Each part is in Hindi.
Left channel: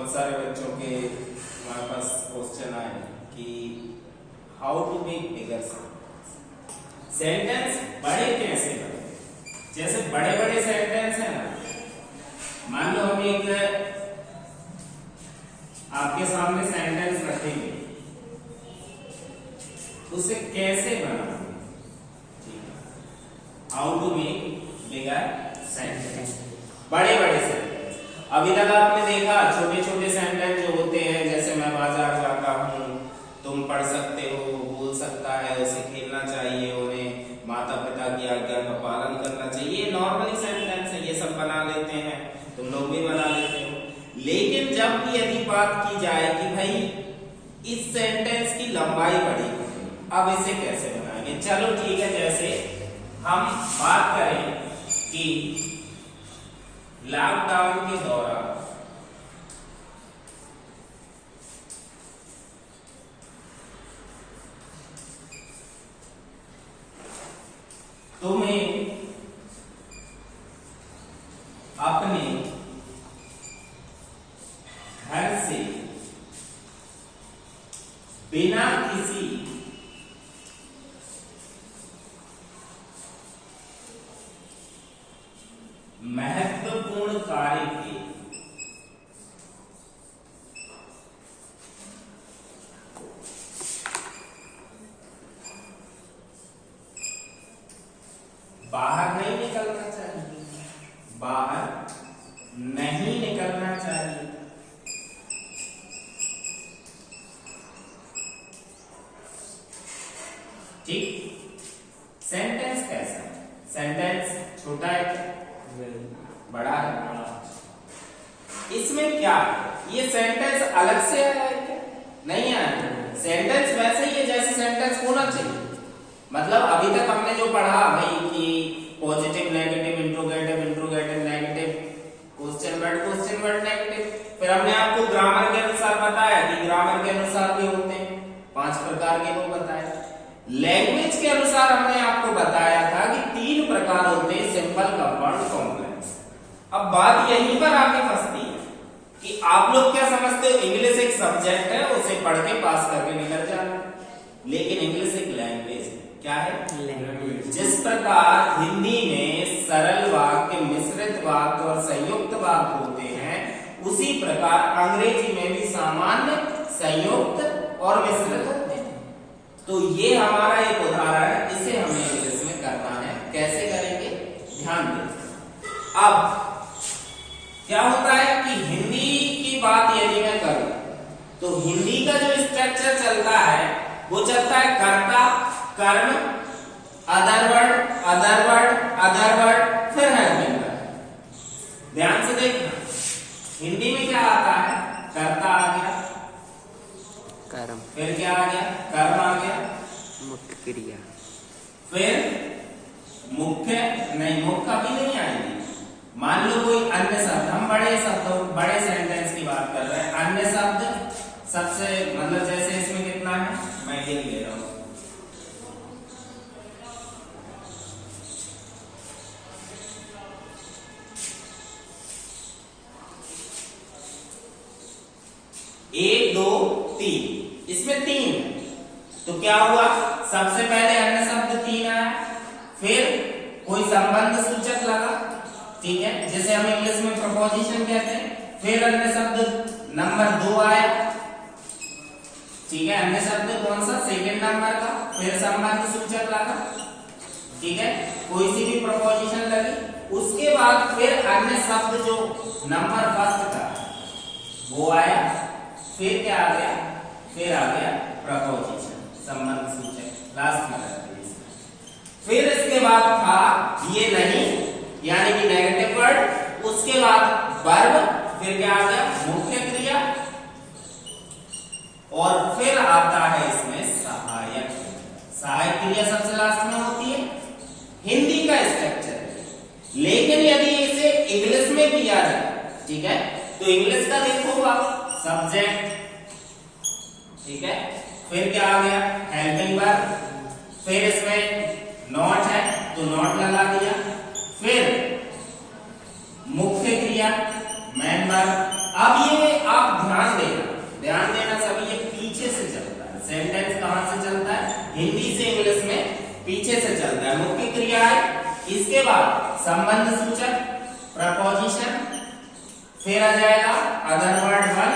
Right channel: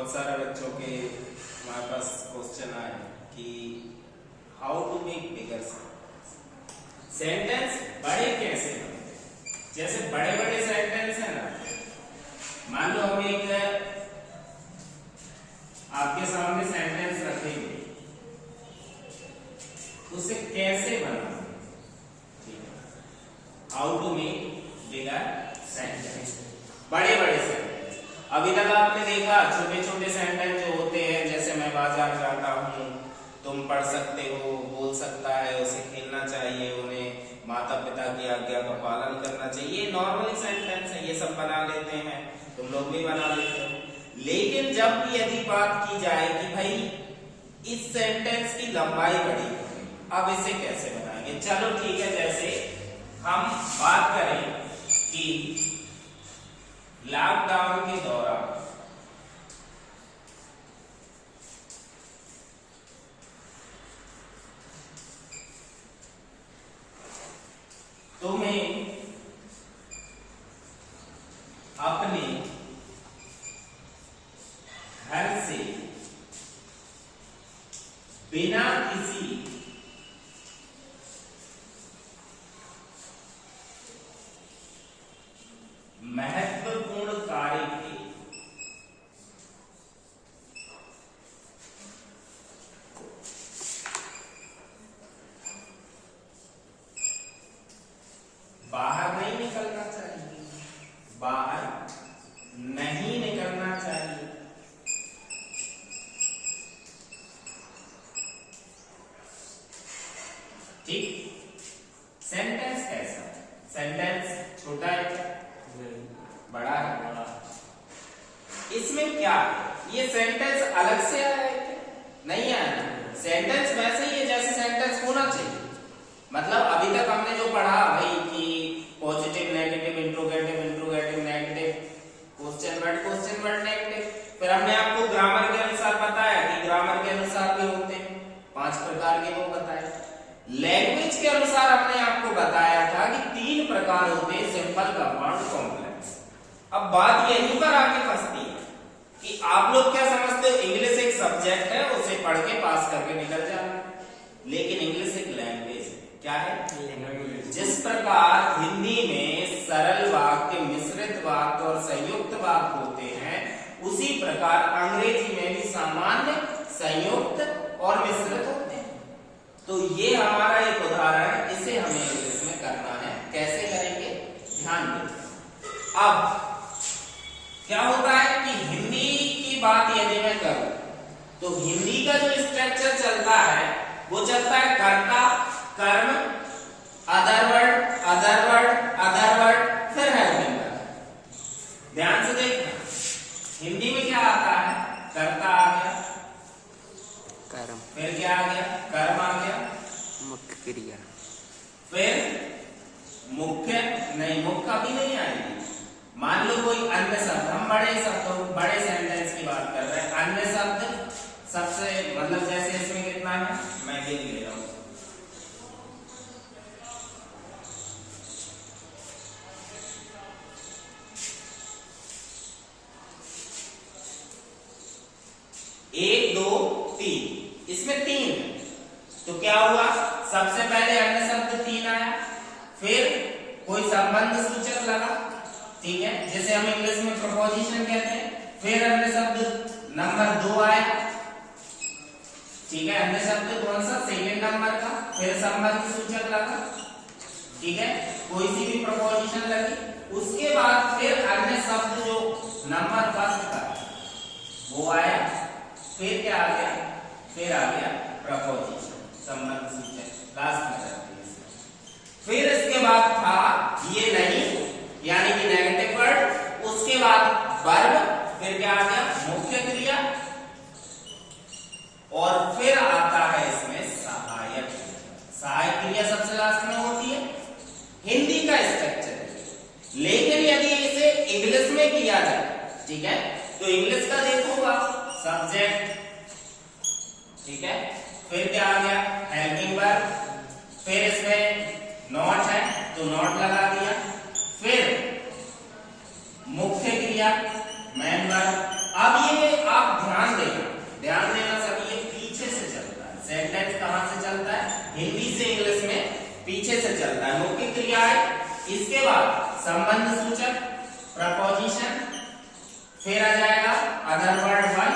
बहुत सारे बच्चों के हमारे पास क्वेश्चन आए कि how to make bigger sentence बड़े कैसे बने। जैसे बड़े बड़े सेंटेंस है ना, मान लो हम एक आपके सामने सेंटेंस रखेंगे, उसे कैसे बनाएंगे, ठीक है, how to make bigger sentence, बड़े बड़े सेंटेंस। अभी तक आपने देखा छोटे छोटे सेंटेंस जो होते हैं, जैसे मैं बाजार जाता हूँ, तुम पढ़ सकते हो, बोल सकता है, उसे खेलना चाहिए, उन्हें माता पिता की आज्ञा का पालन करना चाहिए, नॉर्मली सेंटेंस है, ये सब बना लेते हैं, तुम लोग भी बना लेते हो। लेकिन जब भी यदि बात की जाए कि भाई इस सेंटेंस की लंबाई बड़ी है, अब इसे कैसे बनाएंगे, चलो ठीक है, जैसे हम बात करें कि लॉकडाउन के दौरान तुम्हें अपने घर से बिना किसी महत्वपूर्ण कार्य के बाहर नहीं निकलना चाहिए, बाहर नहीं निकलना चाहिए। ठीक, सेंटेंस कैसा है? सेंटेंस छोटा है, बड़ा है? इसमें क्या है, ये सेंटेंस अलग से आया है क्या? नहीं आया। सेंटेंस वैसे ही है जैसे सेंटेंस होना चाहिए। मतलब अभी तक हमने जो पढ़ा भाई कि positive negative interrogative interrogative negative question word negative, फिर हमने आपको ग्रामर के अनुसार बताया कि ग्रामर के अनुसार भी होते हैं 5 प्रकार के, वो बताए। लैंग्वेज के अनुसार हमने आपको बताया था कि 3 प्रकार होते हैं, सिंपल, कंपाउंड, कॉम्प्लेक्स। अब बात यहीं पर आके फंसती है कि आप लोग क्या समझते हो, इंग्लिश एक सब्जेक्ट है, उसे पढ़ के पास करके निकल जाना, लेकिन इंग्लिश एक लैंग्वेज है। क्या है? लैंग्वेज। जिस प्रकार हिंदी में सरल वाक्य, मिश्रित वाक्य और संयुक्त वाक्य होते हैं, उसी प्रकार अंग्रेजी में भी सामान्य, संयुक्त और मिश्रित होते हैं। तो ये हमारा एक उदाहरण है, इसे हमें इंग्लिश में करना है। कैसे करेंगे, ध्यान दें। अब क्या होता है कि हिंदी की बात यदि मैं करूं तो हिंदी का जो स्ट्रक्चर चलता है वो चलता है कर्ता, कर्म, अदर वर्ड, फिर हेल्पिंग वर्ब। ध्यान से देखना, हिंदी में क्या आता है, कर्ता आ गया, कर्म, फिर क्या आ गया, कर्म आ गया, मुख्य क्रिया, फिर मुख्य नहीं, मुख्य अभी नहीं आएगी। मान लो कोई अन्य शब्द, हम बड़े सेंटेंस की बात कर रहे हैं, अन्य शब्द सबसे, मतलब जैसे इसमें कितना है, मैं ये ले रहा हूं, एक, दो, तीन, इसमें 3 है, तो क्या हुआ, सबसे पहले अन्य शब्द 3 आया, फिर कोई संबंध सूचक लगा, ठीक है, जिसे हम इंग्लिश में प्रपोजिशन कहते हैं, फिर अन्य शब्द नंबर 2 आया, ठीक है, अन्य शब्द कौन सा, सेकंड नंबर का, फिर संबंध सूचक लगा, ठीक है, कोई सी भी प्रपोजिशन लगी, उसके बाद फिर अन्य शब्द जो नंबर फर्स्ट का वो आया, फिर क्या आ गया, फिर आ गया प्रपोजिशन, संबंध सूचक लास्ट में रहती है। फिर इसके बाद था ये नहीं, यानी कि नेगेटिव वर्ड, उसके बाद वर्ब, फिर क्या आ गया, मुख्य क्रिया, और फिर आता है इसमें सहायक। सहायक क्रिया सबसे लास्ट में होती है। हिंदी का स्ट्रक्चर, लेकिन यदि इसे इंग्लिश में किया जाए, ठीक है, तो इंग्लिश का देखो आप, सब्जेक्ट, ठीक है, फिर क्या आ गया, हेल्पिंग वर्ब, फिर इसमें नॉट है तो नॉट लगा दिया, फिर मुख्य क्रिया, मेन वर्ब। अब ये आप पीछे से चलता है, मुख्य क्रिया है। इसके बाद संबंध सूचक प्रपोजिशन, फिर आ जाएगा अदर वर्ड 1,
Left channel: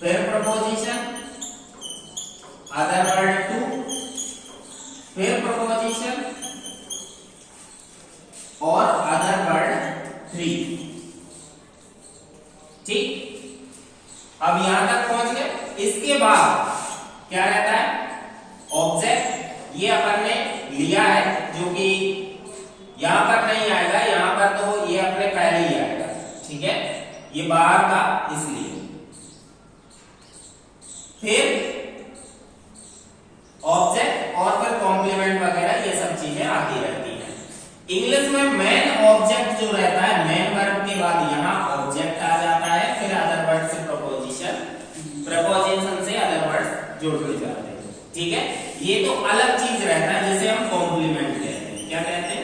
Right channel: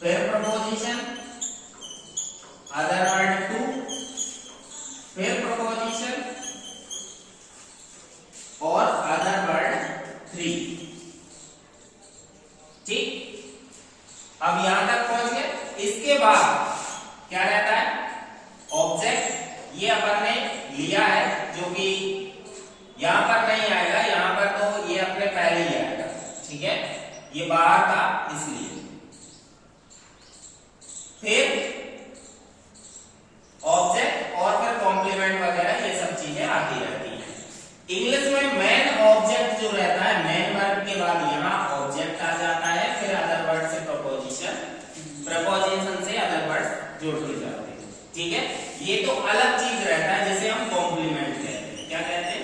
फिर प्रपोजिशन, अदर वर्ड 2, फिर प्रपोजिशन और अदर वर्ड 3। ठीक, अब यहां तक पहुंच गए। इसके बाद क्या रहता है, ऑब्जेक्ट। ये अपन ने लिया है जो कि यहां पर नहीं आएगा, यहां पर तो ये अपने पहले ही आएगा। ठीक है, ये बाहर था इसलिए। फिर ऑब्जेक्ट और फिर कॉम्प्लीमेंट वगैरह ये सब चीजें आती रहती हैं। इंग्लिश में मेन ऑब्जेक्ट जो रहता है, मेन वर्ब के बाद यहाँ ऑब्जेक्ट आ जाता है, फिर अदर वर्ड से प्रपोजिशन, प्रपोजिशन से अदर वर्ड जुड़ के जाते हैं। ठीक है, ये तो अलग चीज रहता है, जैसे हम कॉम्प्लीमेंट कहते हैं। क्या कहते हैं,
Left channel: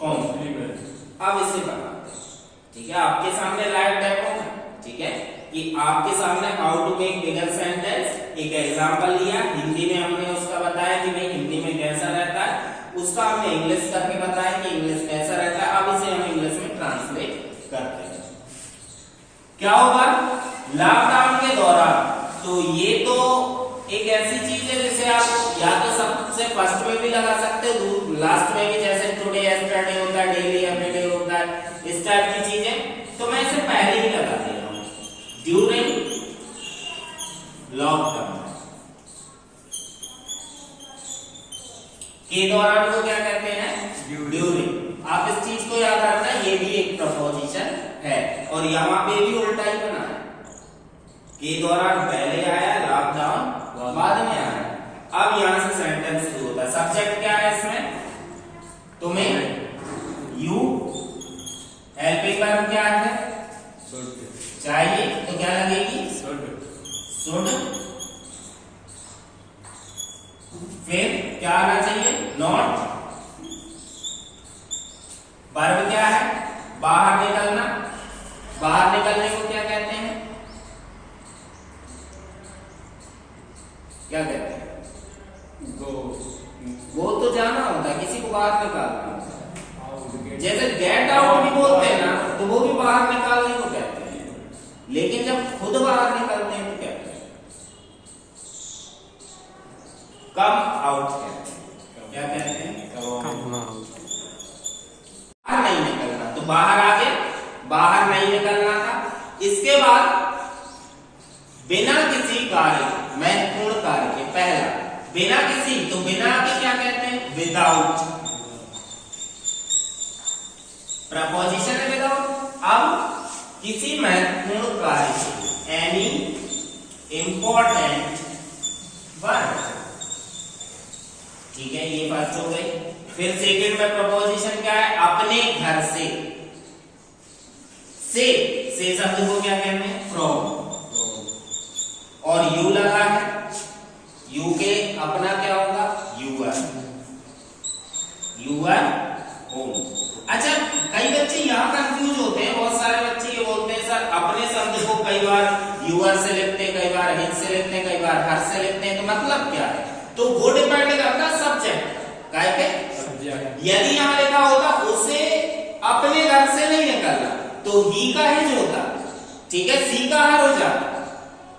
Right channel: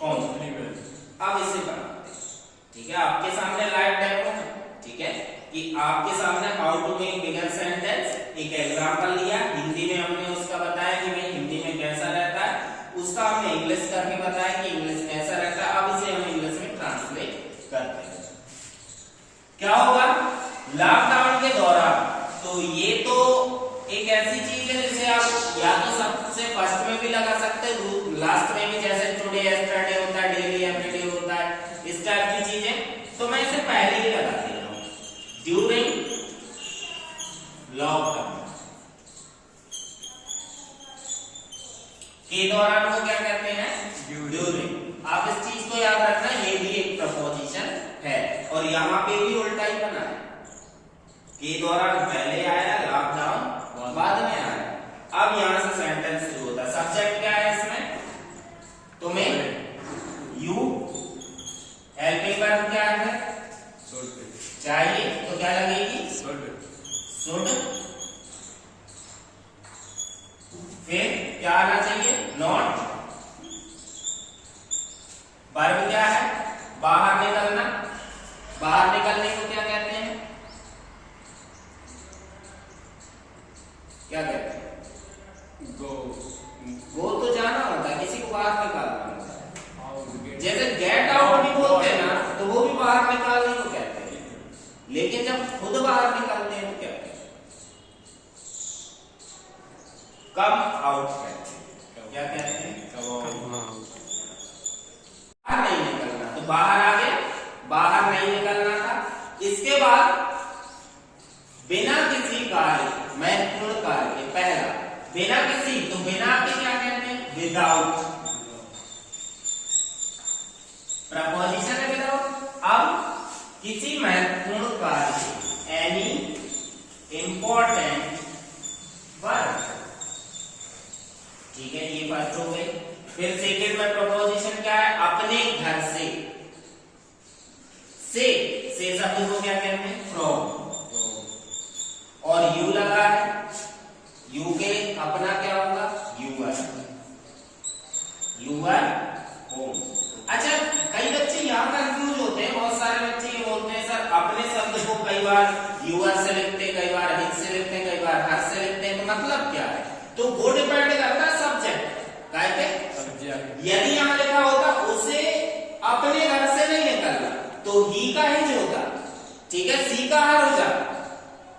कॉम्प्लीमेंट। अब इसे बनाते हैं। ठीक है, आपके सामने लाइव डेमो है। ठीक है, कि आपके सामने how to make bigger sentence, एक एग्जांपल लिया, हिंदी में हमने उसका बताया कि भाई हिंदी में कैसा रहता है, उसका हमने इंग्लिश करके बताया कि इंग्लिश कैसा रहता है। अब इसे हम इंग्लिश में ट्रांसलेट करते हैं। क्या होगा, लॉकडाउन के दौरान, तो ये तो एक ऐसी चीज है जिसे आप या तो सबसे फर्स्ट में भी लगा सकते हो, लास्ट में भी, जैसे टुडे, यस्टरडे होता है, डेली, एवरीडे होता है, इस टाइप की चीजें। तो मैं इसे पहले ही लगा दे रहा हूं, ड्यूरिंग लॉकडाउन के दौरान वो क्या कहते हैं, ड्यूरिंग। आप इस चीज को याद रखना, ये भी एक प्रपोजिशन है और यहां पे भी उल्टा ही बना है, के दौरान पहले आया, लॉकडाउन बाद में आया। अब यहां से सेंटेंस शुरू होता है। सब्जेक्ट क्या है इसमें, तुम्हें, यू, हेल्पिंग वर्ब क्या है, चाहिए, तो क्या लगेगी, शुड। फिर क्या आना चाहिए, नॉट। वर्ब क्या है, बाहर निकलना। बाहर निकलने को क्या कहते हैं, क्या कहते हैं, गो तो जाना होता है, किसी को बाहर निकालना होता है। जैसे गेट आउट भी बोलते हैं ना, तो वो भी बाहर निकालने को कहते हैं, लेकिन जब खुद बाहर निकलते हैं तो क्या कहते हैं, कम आउट कहते हैं। क्या कहते हैं, कम आउट। बाहर नहीं निकलना, तो बाहर आगे, बाहर नहीं निकलना था। इसके बाद बिना किसी कार्य, महत्वपूर्ण कार्य के, पहला बिना किसी, तो बिना के क्या कहते हैं, विदाउट। प्रपोजिशन है विदाउट। अब किसी महत्वपूर्ण कार्य से, एनी इंपॉर्टेंट वर्क। ठीक है, ये फर्स्ट हो गई। फिर सेकंड में प्रपोजिशन क्या है, अपने घर से। से शब्द को क्या कहते हैं, फ्रॉम। और यू लगा है, यू के अपना क्या होगा, यूअर, यूअर होम। अच्छा, कई बच्चे यहाँ कंफ्यूज होते हैं, बहुत सारे बच्चे ये बोलते हैं सर अपने शब्द को कई बार यूअर से लिखते हैं, कई बार हिज से लिखते हैं, कई बार हर से लिखते हैं, तो मतलब क्या है, तो वो डिपेंड करता है सब्जेक्ट पे। यदि यहाँ लिखा होता उसे अपने घर से नहीं निकलना, तो ही का हिज होता। ठीक है, सी का हर हो जाता।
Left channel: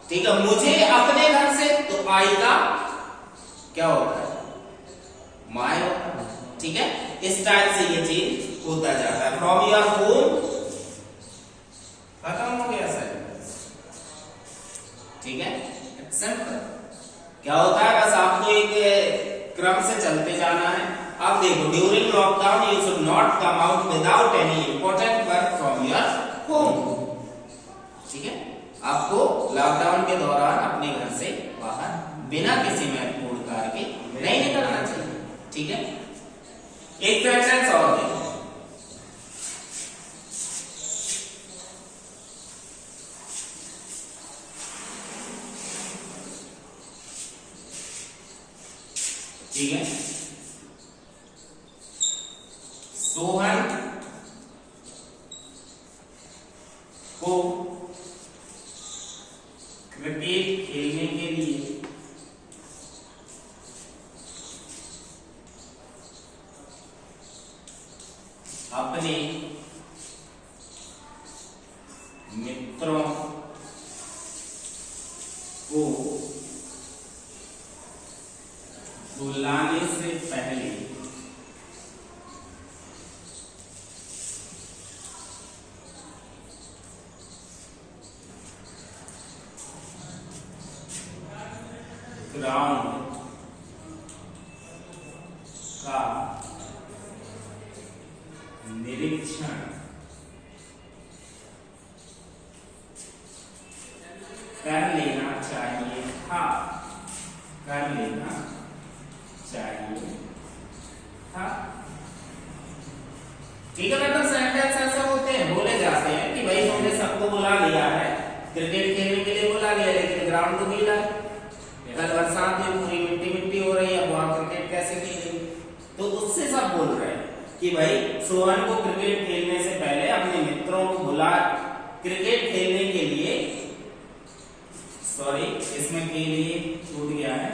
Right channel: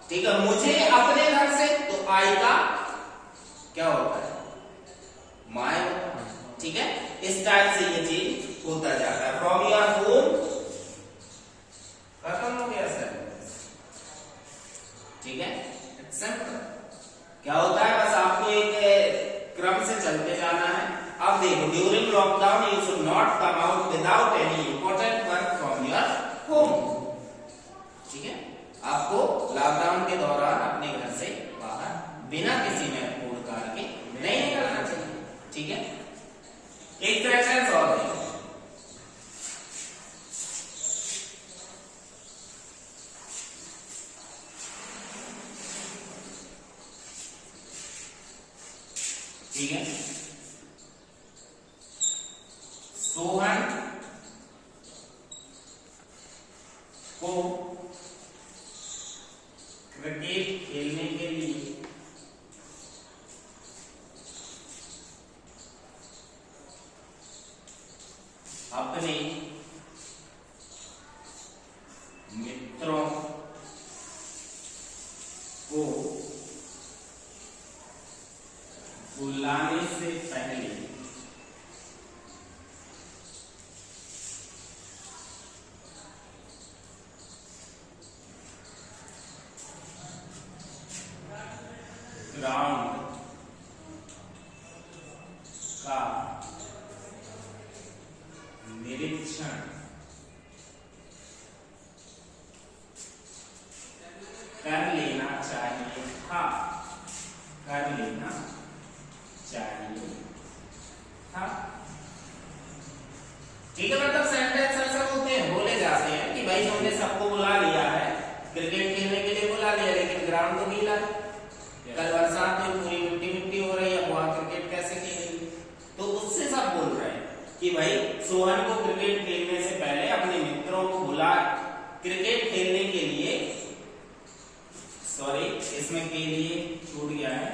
ठीक है, मुझे अपने घर से, तो आई का क्या होता है, माय होता है। ठीक है, इस टाइप से ये चीज होता जाता है। फ्रॉम योर होम खत्म हो गया सर। ठीक है, सिंपल। क्या होता है, बस आपको एक क्रम से चलते जाना है। अब देखो, during lockdown you should not come out without any important work from your home. ठीक है, आपको लॉकडाउन के दौरान अपने घर से बाहर बिना किसी महत्वपूर्ण कार्य के नहीं निकलना चाहिए। ठीक है, एक सेंटेंस और देखो। ठीक है, सोहन को क्रिकेट खेलने के लिए मित्रों को बुलाने से पहले ग्राउंड का निरीक्षण कर लेना चाहिए था। कर लेना चाहिए था। ठीक है, मतलब सेंटेंस ऐसा होते हैं, बोले जाते हैं कि भाई हमने सबको बुला लिया है, क्रिकेट खेलने के लिए बुला लिया, लेकिन ग्राउंड तो गीला है, कल बरसात में पूरी मिट्टी मिट्टी हो रही है, अब वहां क्रिकेट कैसे खेलेंगे? तो उससे सब बोल रहे हैं कि भाई सोहन को क्रिकेट खेलने से पहले अपने मित्रों को बुला क्रिकेट खेलने के लिए, सॉरी इसमें के लिए छूट गया है,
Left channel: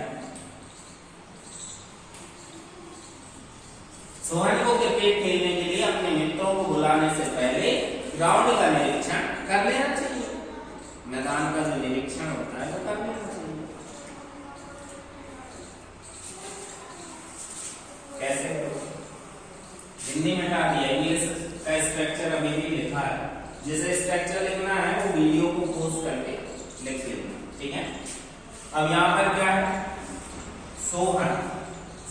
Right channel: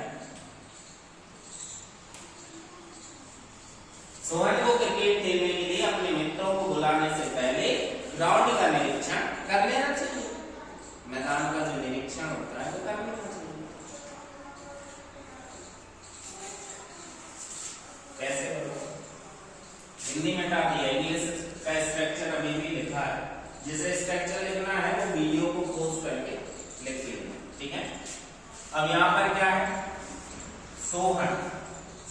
सोहन को क्रिकेट खेलने के लिए अपने मित्रों को बुलाने से पहले ग्राउंड का निरीक्षण कर लेना चाहिए। मैदान का जो निरीक्षण होता है वो कर लेना चाहिए। कैसे हिंदी में हटा दिया, इंग्लिश का स्ट्रक्चर अभी भी लिखा है, जैसे स्ट्रक्चर लिखना है वो वीडियो को पोस्ट करके लिख लेना, ठीक है। अब यहाँ पर क्या है, सोहन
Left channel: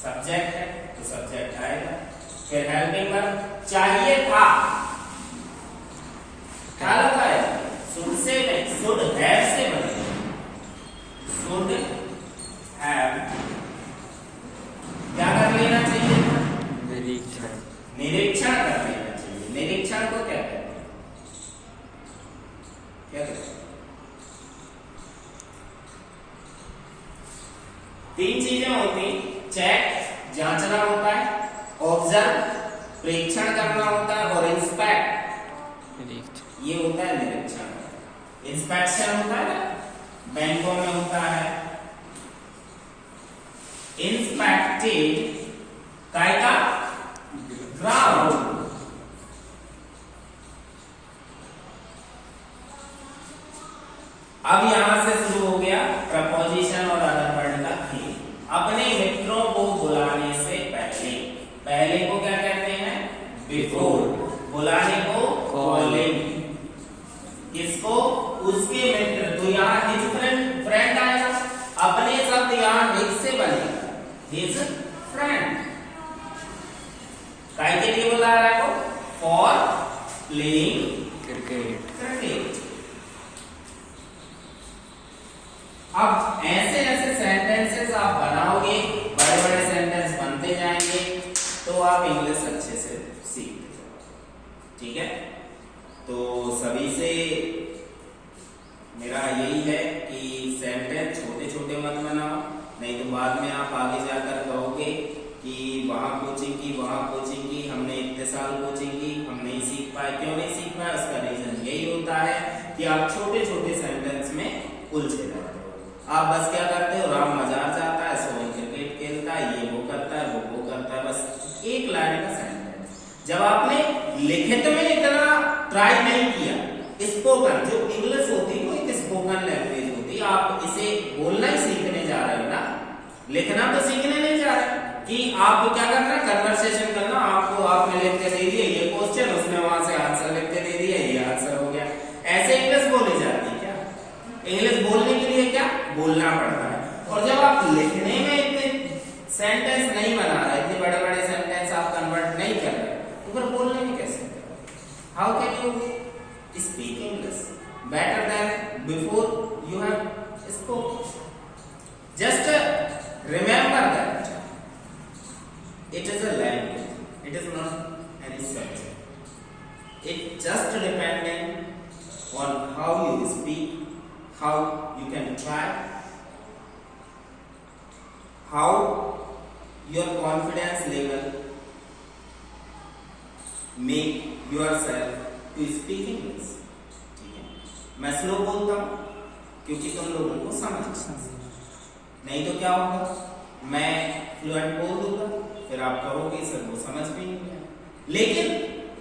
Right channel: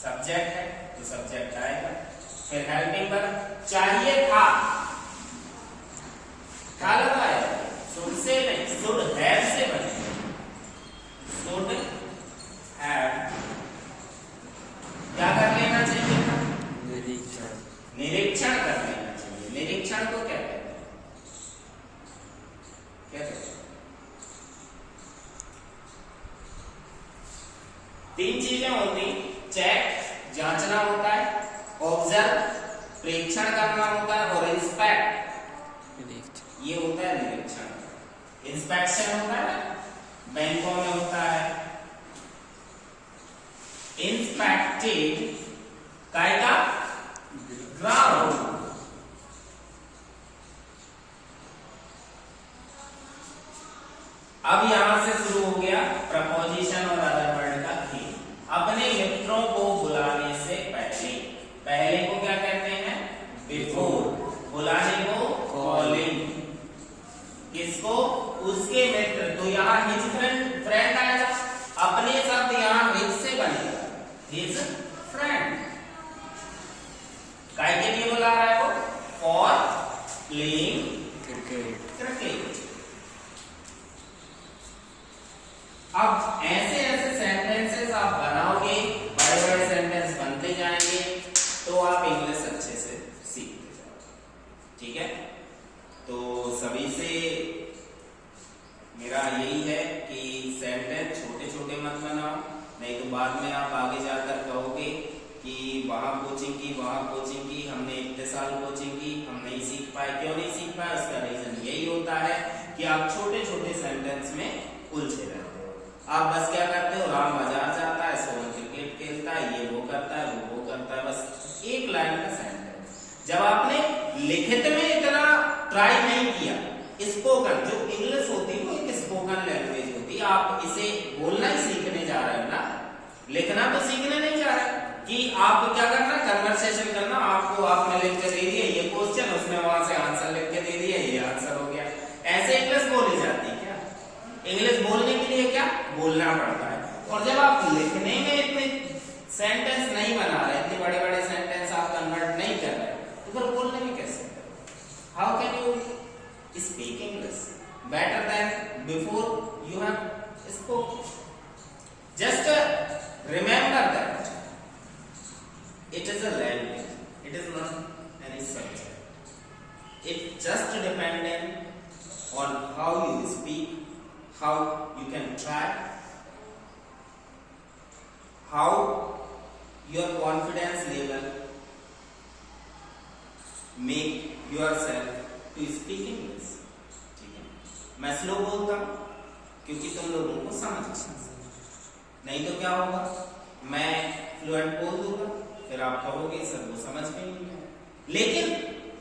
सब्जेक्ट है तो सब्जेक्ट आएगा, फिर हेल्पिंग वर्ब चाहिए था, क्या लगा है, शुड से नहीं, शुड हैव से बनेगा, शुड हैव क्या कर लेना चाहिए था, निरीक्षण। निरीक्षण कर लेना चाहिए। निरीक्षण को क्या कहते हैं, क्या कहते हैं? तीन चीजें होती, चेक जांचना होता है, ऑब्जर्व प्रेक्षण करना होता है, और इंस्पेक्ट ये होता है निरीक्षण। इंस्पेक्शन होता है बैंकों में होता है, इंस्पेक्टेड काय का ग्राउंड। अब यहां से शुरू हो गया प्रपोजिशन और अदर वर्ड का खेल। अपने मित्रों को बुलाने से पहले, पहले को क्या कहते हैं, बिफोर, बुलाने को कॉलिंग, किसको, उसके मित्र, तो यहाँ हिज फ्रेंड आएगा, अपने शब्द यहाँ हिज से बनेगा, हिज फ्रेंड। काय के लिए बुला रहा है वो, फॉर प्लेइंग क्रिकेट। क्रिकेट। अब ऐसे ऐसे सेंटेंसेस आप बनाओगे, बड़े बड़े सेंटेंस बनते जाएंगे, तो आप इंग्लिश अच्छे से सीखते जाओगे, ठीक है। तो सभी से मेरा यही है कि सेंटेंस छोटे छोटे मत बनाओ, नहीं तो बाद में आप आगे जाकर कहोगे कि वहां कोचिंग की, वहां कोचिंग की, हमने इतने साल कोचिंग की, हम नहीं सीख पाए। क्यों नहीं सीख पाए, उसका रीजन यही होता है कि आप छोटे छोटे सेंटेंस में उलझे रहते हो। आप बस क्या करते हो, राम बाजार जाता है, सोहन क्रिकेट खेलता है, ये वो करता है, वो करता है, बस एक लाइन का सेंटेंस। जब आपने लिखित में इतना ट्राई नहीं किया, स्पोकन जो इंग्लिश होती है वो एक स्पोकन लैंग्वेज होती है, आप इसे बोलना ही सीखने जा रहे हो ना, लिखना तो सीखने नहीं जा रहे कि आपको क्या करना, कन्वर्सेशन करना। आपको आपने लिख के दे दिया ये क्वेश्चन, उसने वहां से आंसर लिख के दे दिया, ये आंसर हो गया। ऐसे इंग्लिश बोली जाती है क्या, इंग्लिश बोलने के लिए क्या बोलना पड़ता है। और जब आप लिखने में इतने सेंटेंस नहीं बना रहे, इतने बड़े बड़े सेंटेंस आप कन्वर्ट नहीं कर रहे, तो फिर बोलने में कैसे, how can you speak English better than before you have spoken? Just remember that it is a language, it is not any subject. It just dependent on how you speak, how you can try, how your confidence level make yourself to speak English. मैं स्लो बोलता हूं क्योंकि तुम लोगों को समझ नहीं, तो क्या होगा, मैं फ्लुएंट बोल दूंगा, फिर आप कहोगे सर वो समझ में नहीं आया। लेकिन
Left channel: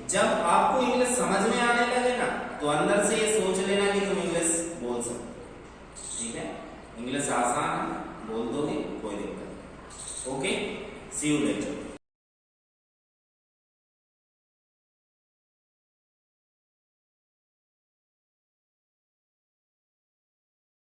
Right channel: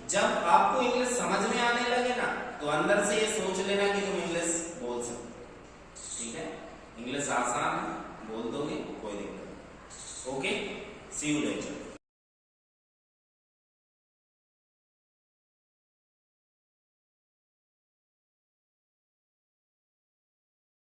जब आपको इंग्लिश समझ में आने लगे ना, तो तो अंदर से ये सोच लेना कि तुम इंग्लिश बोल सकते हो, ठीक है। इंग्लिश आसान है, बोल दोगे, कोई दिक्कत नहीं। Okay, see you letter.